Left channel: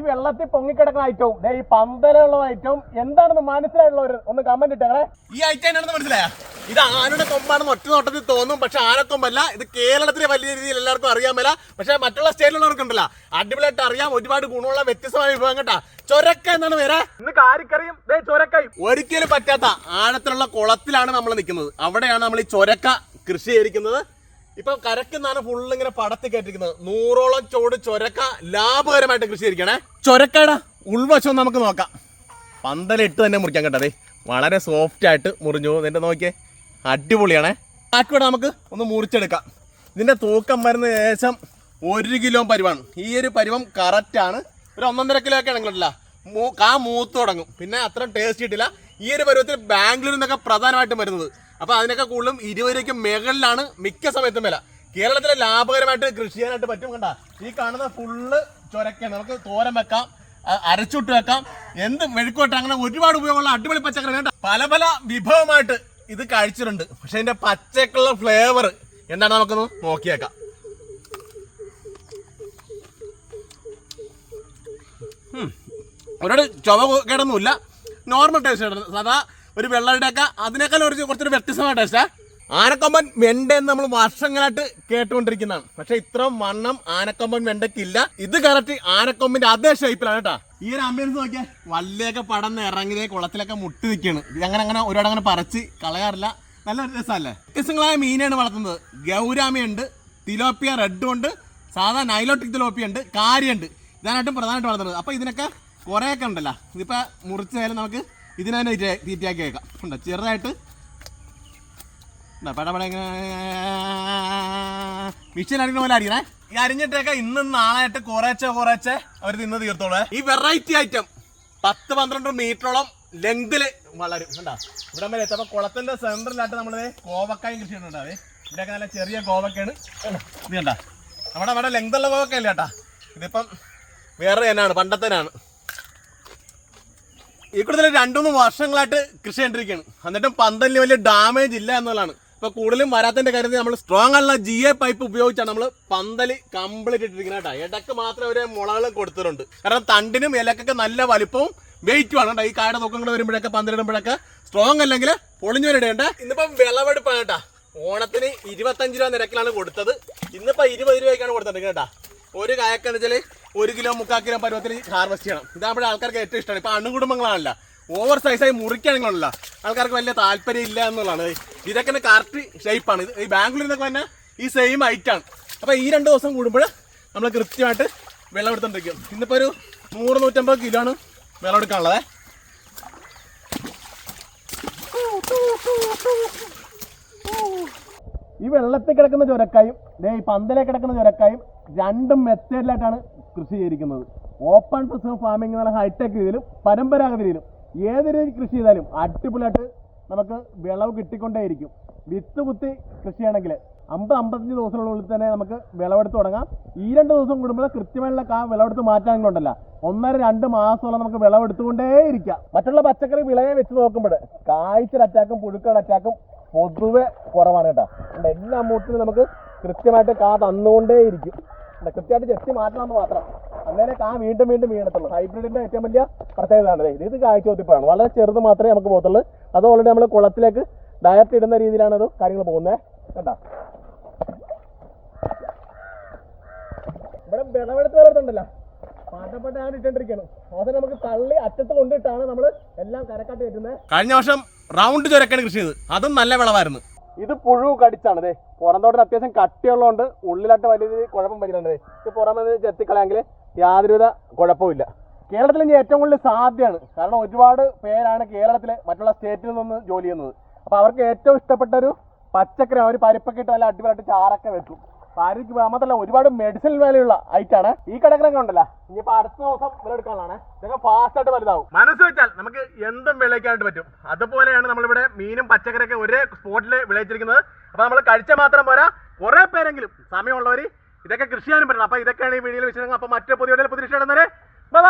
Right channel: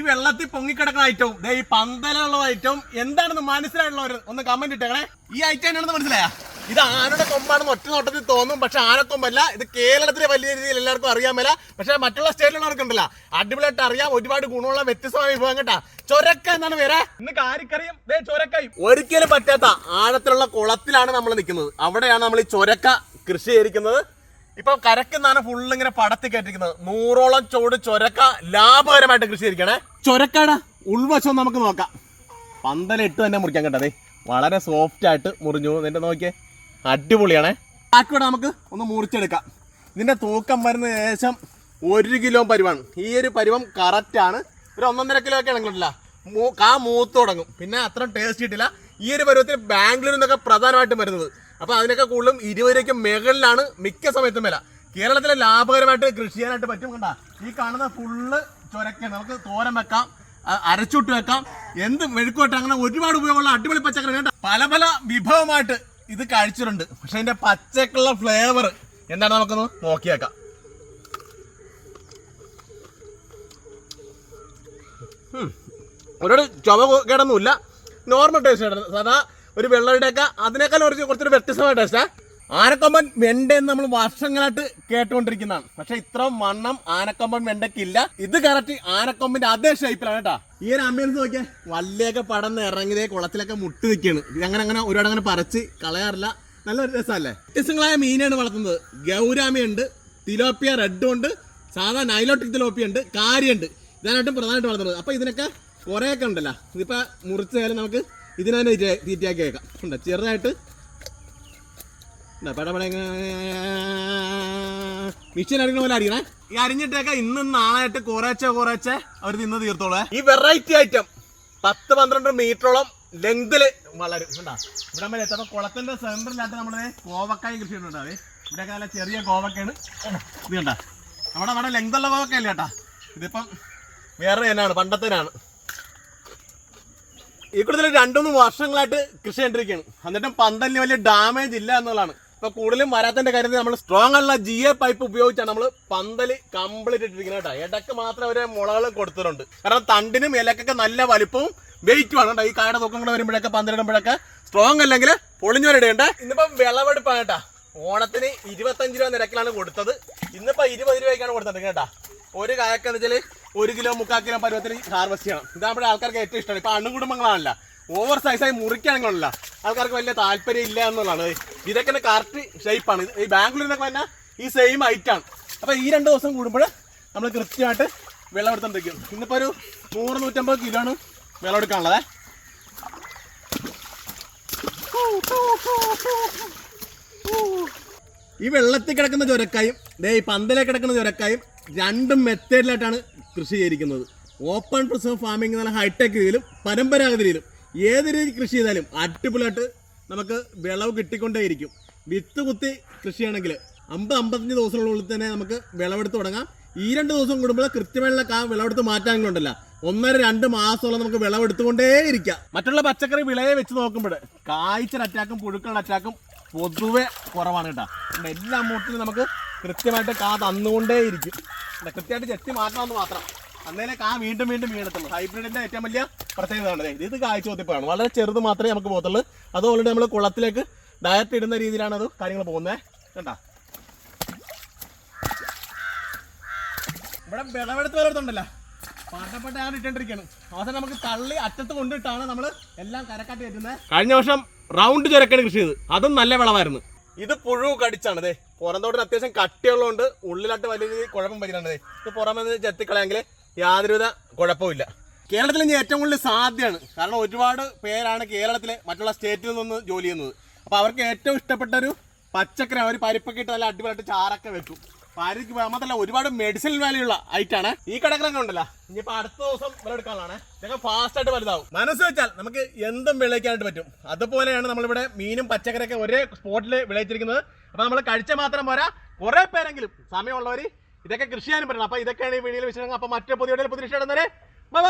ഈ വെള്ളത്തിൽ പൊങ്ങിക്കിടക്കുന്ന ഐറ്റവും ഈ പന്തലുള്ള ഐറ്റവും എന്താണെന്ന് മനസ്സിലായിട്ടുള്ളവർ ഒന്ന് കമന്റ് ഇട്ടേ. ഈ ഐറ്റം എന്നാണെന്ന് മനസ്സിലായ? ഇത് ആനയുടെ കൊമ്പാണെന്ന് ഒറ്റ നോട്ടത്തിൽ തോന്നും, പക്ഷെ ആനക്കൊമ്പല്ല. ഇത് കേരളത്തിലെ വലിയ രീതിയിൽ എല്ലാവർക്കും അറിയാൻ മേല, പക്ഷെ മറ്റുള്ള സ്റ്റേറ്റിലുള്ളവർക്കുണ്ടല്ലോ അടിപൊളിയായിട്ട് അറിയാം. ഒരുപാട് ഗുണമുള്ള വ്യത്യസ്തമായ വിഭവം കേട്ടാ. ചൊരക്ക എന്നാണ് പേര്. ഇന്ന് കാരിക്കറിയും ചൊരക്കയും ഒരിക്കലും പറ്റാത്ത ആഴത്തിലുള്ള കുളത്തിലാണ് നമ്മൾ നിൽക്കുന്നത്. അവിടെയാണ് നമ്മൾ ഈ ചൊരക്ക കൃഷി ചെയ്തിരിക്കുന്നത്. ഇപ്പൊ കരക്കുന്നാണ് ഫുള്ള് ഇങ്ങനെ പടത്തി കയറ്റിരിക്കുന്നത്. 100ഓളം ചോട് ചൊരക്ക ലാഭകരമായിട്ട് കൃഷി ചെയ്തിരിക്കണേ. ചൊരക്കയുടെ ഉൾവശം നമുക്ക് നോക്കാം. പന്തലിട്ട് തന്നെ മുറിക്കാൻ കേട്ടതേ, വളരെ സോഫ്റ്റ് ആയിട്ട് മുറിഞ്ഞു. ഇതിന്റെ നോക്കിയേ, അടിപൊളിയാണേ. ബാക്കിയോടെ നമുക്ക് ഒന്ന് മുറിച്ചെടുക്കാം. ഇതിന്റെ തൂക്കം വരുന്ന ഏകദേശം 1 കിലോ പരുവാണ്. ഈ ഒരു പരുവം കറക്റ്റാണ്. ഒരു 1.5 കിലോ ഒക്കെ ആണെങ്കിലല്ല കാ മൂത്ത് തുടങ്ങും. പിന്നെ അത്ര ടേസ്റ്റ് കിട്ടില്ല. ഈ ഒരു പരുവത്തിൽ ബാംഗ്ലൂരിൽ നിന്നൊക്കെ പ്രധാനമായിട്ടും വരുന്നത്. അപ്പോൾ അതിനൊക്കെ കൂടുതലും 20 രൂപയ്ക്ക് മുകളിലാണ് മിക്ക സമയത്തും വില. കേരളത്തിലെ ലാഭകരമായിട്ട് കൃഷി ചെയ്യാനായിട്ട് പറ്റും. കണ്ട, ഈ കാണുന്ന ഫുള്ള് ചൊരക്കാണ്. നമുക്ക് തോരൻ വെക്കാം, അരച്ചുട്ട് വെക്കാം, എന്ത് മെഴുക്കോട്ട്, അങ്ങനെ ഒരുപാട് ഉപയോഗമുള്ള അടിപൊളി പച്ചക്കറി. കേട്ടോ, പല പല വിഭവമായിട്ട് ഇത് കഴിച്ചിട്ടുണ്ട്. പക്ഷെ അതിന്റെ പച്ചക്കുള്ള ഫ്ലേവർ എന്താണ് നമുക്കൊന്ന് നോക്കിയേക്കാം. ഒരുപാട് ചുവ കേടൊന്നുമില്ല, നോർമൽ ടേസ്റ്റ്. സാധാ ഒരു വെള്ളയുടെയൊക്കെ അതിനേക്കാൾ കുറച്ചൊരു വ്യത്യസ്തമായ ടേസ്റ്റാ. ആനക്കൊമ്പൻ വെണ്ടയെന്ന് നമ്മൾ വർഷങ്ങളായിട്ട് കേട്ടുകൊണ്ടിരിക്കുന്നതാണ്. പക്ഷെ ഇത്ര വണ്ണം ആനക്കൊമ്പൻ വെണ്ടയ്ക്കില്ല. ഇത് കറക്റ്റ് ആനക്കൊമ്പിന്റെ അതേ ഷേപ്പിലാണ് കേട്ടോ. ഈ ഒരു ആംബിയൻസ് നോക്കിയാൽ വള്ളിയൊക്കെ പടന്ന് ഇറങ്ങിയതേ കുളത്തിലൊക്കെ മുട്ടി നിൽക്കുകയാണ്. ഇതങ്ങനെ ഒരുപാട് അങ്ങനെ പറിച്ച് കളയാറില്ല. നല്ലൊരു രസമല്ലേ. വ്യത്യസ്തങ്ങളായ മീനാണ് വളർത്തുന്നത്. ഗൗരാമിയുണ്ട്, തിലോപ്പിയ റെഡ് ഉണ്ട്, സാധാ നൈലോട്ടിക് തിലോപ്പിയ ഉണ്ട്, കാരിയുണ്ട്. ഇതാനായിട്ടും പ്രധാനമായിട്ട് വളർത്തുന്നത്. അപ്പോൾ ഇതിനൊക്കെ കുറേയൊക്കെ ഉണ്ടല്ലോ. ഇതിപ്പോൾ മുറിച്ചായാലും നമുക്ക് ഇതിനെ തീറ്റയാക്കി വെക്കാം. ഉണ്ട് ചെറുതായിട്ട് പടപട മിക്സിയിൽ അടിക്കുന്ന പോലെ അടിക്കണേ. ഈ അരിഞ്ഞിട്ടൊക്കെ ഇന്നും നാളായിട്ട് കുറേച്ചെ അവർ തിന്ന് തീർത്തോളേ. ഈ വെറൈറ്റി ഐറ്റം 10-12 മീറ്ററോളം ലെങ്തില് വളരും. കണ്ടാ, ഇവിടെ മേലെ എത്തപ്പോൾ കുളത്തിന്റെ സെൻറ്ററിലായിട്ട് നമ്മളത് കോവക്കായും കൃഷി ചെയ്യുന്നുണ്ടാവേ. ഇവിടെയൊക്കെ നല്ല ചെറിയ കോവക്കയാണ്. ഇത് കണ്ടാ, നമ്മുടെ ലെങ്തുള്ള കോവക്കയല്ല കേട്ടാ. ഇതിപ്പം വേറെ തന്നെയാണ്, പണ്ടത്തേനാണ്. ഈ കൂടുതൽ 2-3 വർഷങ്ങളായിട്ട് കൃഷി ചെയ്തിരിക്കുകയാണ്. എന്നിട്ടും പന്തലിന് വലിയ ഡാമേജ് ഇല്ല എന്നുള്ളതാണ്. ഇപ്പൊ കൂടുതലും വരാത്തതിന്റെ കാര്യത്തിൽ നമ്മൾ സ്ട്രോങ് ആയിട്ടുള്ള GA പൈപ്പ് ഉപയോഗിച്ചാണ് നമ്മൾ പന്തല് കംപ്ലീറ്റ് ഇട്ടിരിക്കുന്നത് കേട്ടോ. ഇടയ്ക്ക് മാത്രമേ ഒരു മുളകളും കൊടുത്തിട്ടുണ്ട്. കാരണം തണ്ടിനും ഇലക്കൊക്കെ നല്ല വലിപ്പവും വെയിറ്റുമാണ് കേട്ടോ. ഈ കായുടെ തൂക്കം കൂടെ വരുമ്പോഴൊക്കെ പന്തലിടുമ്പോഴൊക്കെ സ്ട്രോങ് അല്ലെങ്കിൽ പൊളിഞ്ഞവരിടേണ്ട. ഇന്നിപ്പം വിളവെടുപ്പാണ് കേട്ടാ. ഓണത്തിന് 25 രൂപ നിരക്കിലാണ് കൊടുത്തത്. ഇന്നിപ്പോ 20 രൂപയ്ക്കാണ് കൊടുത്തത് കേട്ടാ. ഒരു കായക്കെന്ന് വെച്ചാൽ 1 കിലോ 3/4 കിലോ പരുവത്തിൽ ഹാർവെസ്റ്റ് ചെയ്യണം. ഇതാകുമ്പോൾ ആൾക്കാർക്ക് ഏറ്റവും ഇഷ്ടമാണ്. ഇപ്പൊ അണുകുടുംബങ്ങളാണല്ല, ഓവർ സൈസായി മുറിക്കുകയാണെങ്കിലല്ല ആൾക്കാർക്ക് വലിയ താല്പര്യം ഇല്ല എന്നുള്ളതാണ്. ഇതൊക്കെ കറക്റ്റ് ഷേപ്പാണ്. ഈ ബാംഗ്ലൂരിൽ നിന്നൊക്കെ തന്നെ ഈ സെയിം ഐറ്റാണ്. അപ്പോൾ ഈ 2 ദിവസം കൂടുമ്പോൾ നമ്മൾ കൃത്യമായിട്ട് വിളവെടുത്തോണ്ടിരിക്കും. ഇന്നിപ്പോൾ ഒരു 100-150 കിലോ ആണ് വിളവെടുക്കാനുള്ളത്. ഈ വെള്ളത്തിൽ കിടക്കുന്ന ചുരക്കായും ഈ പന്തലെ കിടക്കുന്ന ചുരക്കായും 2 മെത്തേഡിലായിട്ടാണ് കൃഷി ചെയ്തിരിക്കുന്നത്. ഓപ്പൺ പ്രിസർവ് ഫാമിംഗ് എന്നുള്ള ഹൈടെക് രീതിയിലും പരമ്പരാഗത രീതിയിലും ഏത് രീതി കൃഷി ചെയ്താലും അടിപൊളിയായിട്ട് നമുക്ക് വിളവ് കിട്ടിക്കൊണ്ടേയിരിക്കും. വിത്ത് കുത്തി കൃഷിയാണെങ്കിൽ 50-55 ദിവസത്തിനുള്ളിൽ തന്നെ നമുക്ക് വിളവെടുത്ത് തുടങ്ങാം. ഈ 2 ദിവസം കൂടുമ്പോൾ കൃത്യമായിട്ടുള്ള വിളവെടുത്ത് മാറ്റാനുണ്ടല്ല 1-2 മാസത്തോളം നമുക്ക് വിളവെടുത്തുകൊണ്ടേയിരിക്കാം. മറ്റുള്ള പച്ചക്കറി വിളയെ വെച്ച് നോക്കുമ്പോൾ കായ്ച്ചൽ അറ്റാക്കും പുഴുക്കളുടെ അറ്റാക്കും പൊതുവെ കുറവാണ് കേട്ടോ. എല്ലാ മൂട്ടിലും നമുക്ക് കൃത്യമായിട്ട് കാ തന്നുകൊണ്ടേയിരിക്കും. കൃത്യമായിട്ട് ചെത്തി മാറ്റണമെന്ന് മാത്രം. അന്നേരം കാ വീണ്ടും വീണത്തുള്ളൂ. ഹൈബ്രിഡിന്റെ ഏറ്റവും വലിയ പ്രത്യേകതയാണ് ഇത് കായ്ച്ചോത്തിപ്പാണ്. വളരെ ചെറുത് മാത്രമേ നമുക്ക് പോകത്തുള്ളൂ. അത് ഓൾറെഡി നമ്മൾ കുളത്തിലേക്ക് ഡയറക്റ്റ് ഇടുന്ന രീതിയിലാണ് അത് കാര്യങ്ങൾ പോകുന്നത്. കണ്ടാ, ഇവിടെ വിളവെടുത്ത് വലർത്തുണ്ടല്ലോ, പാട്ടപ്പെട്ട ഞാൻ ഇട്ടിരിക്കുകയാണ്. അവസാനം നമുക്ക് തള്ളി അറ്റത്ത് കൊണ്ടിട്ടാണ് നമ്മൾ എല്ലാം കരക്കാട്ട് കയറ്റുന്നത്. കഴിഞ്ഞ വർഷം റൗണ്ട് ചുരക്കാണ് കൃഷി ചെയ്ത്, അതും നല്ല വിളവായിരുന്നു. ഇത് പുഴു കടിച്ചാണ്. അതെ, പുറന്തോട്ടിന് അത്യാവശ്യം കട്ടിയുള്ളതുകൊണ്ട് ഉള്ളിലായിട്ട് വലിയ രീതിയിൽ കുഴപ്പം പറ്റുന്നുണ്ട്. ഇത് പുറമെ ചെത്തിക്കളയാങ്കിൽ യാതൊരുവിധ കുഴപ്പമില്ല. കേരളത്തിൽ ഇനി ഏറ്റവും കൂടുതൽ സാധ്യമാണ്. കാരണം ഒരുപാട് പേരാണ് കേരളത്തിലെ മറ്റുള്ള സ്റ്റേറ്റിൽ നിന്ന് ജോലി ചെയ്യുന്നത്. അപ്പോൾ അവർക്ക് ഏറ്റവും ഇഷ്ടപ്പെട്ട ഒരു പച്ചക്കറി അവർ പരിപ്പൊക്കെ ഇട്ട് നല്ല അടിപൊളിയായിട്ട് ചാറൊക്കെ വെക്കും. പാരിക്ക് മാത്രമല്ല ഒരുപാട് മെഡിസിൻ വാല്യുള്ള ഐറ്റാണ്. ഈ കിടക്കണൊക്കെ ഉണ്ടല്ലോ, ഇനിയിപ്പോൾ അടുത്ത ദിവസം വിളവെടുക്കാനാണ്. ഇതൊക്കെ ഫാസ്റ്റായിട്ട് വലുതാവും. മനസ്സ് വെച്ചാൽ നമുക്ക് എന്തും വിളയിക്കാനായിട്ട് പറ്റും. അതുപോലെയാണ് നമ്മളിവിടെ മീനും പച്ചക്കറിയൊക്കെ ഒരേ സ്പോട്ടിൽ വിളയിച്ചിരിക്കുന്നത്. അപ്പോൾ നമ്മൾ കഴിച്ചാൽ മാത്രം പോരാ, കുറേ പേരെങ്കിലും സമയമുള്ളവർ ഇതൊക്കെ കൃഷി ചെയ്യാനും പറ്റണം. അപ്പോൾ ഇതൊക്കെയാണ് ഈ വീഡിയോയിൽ വിശേഷങ്ങൾ. അപ്പോൾ മറ്റു പുതിയ വിഷയം. ബൈ.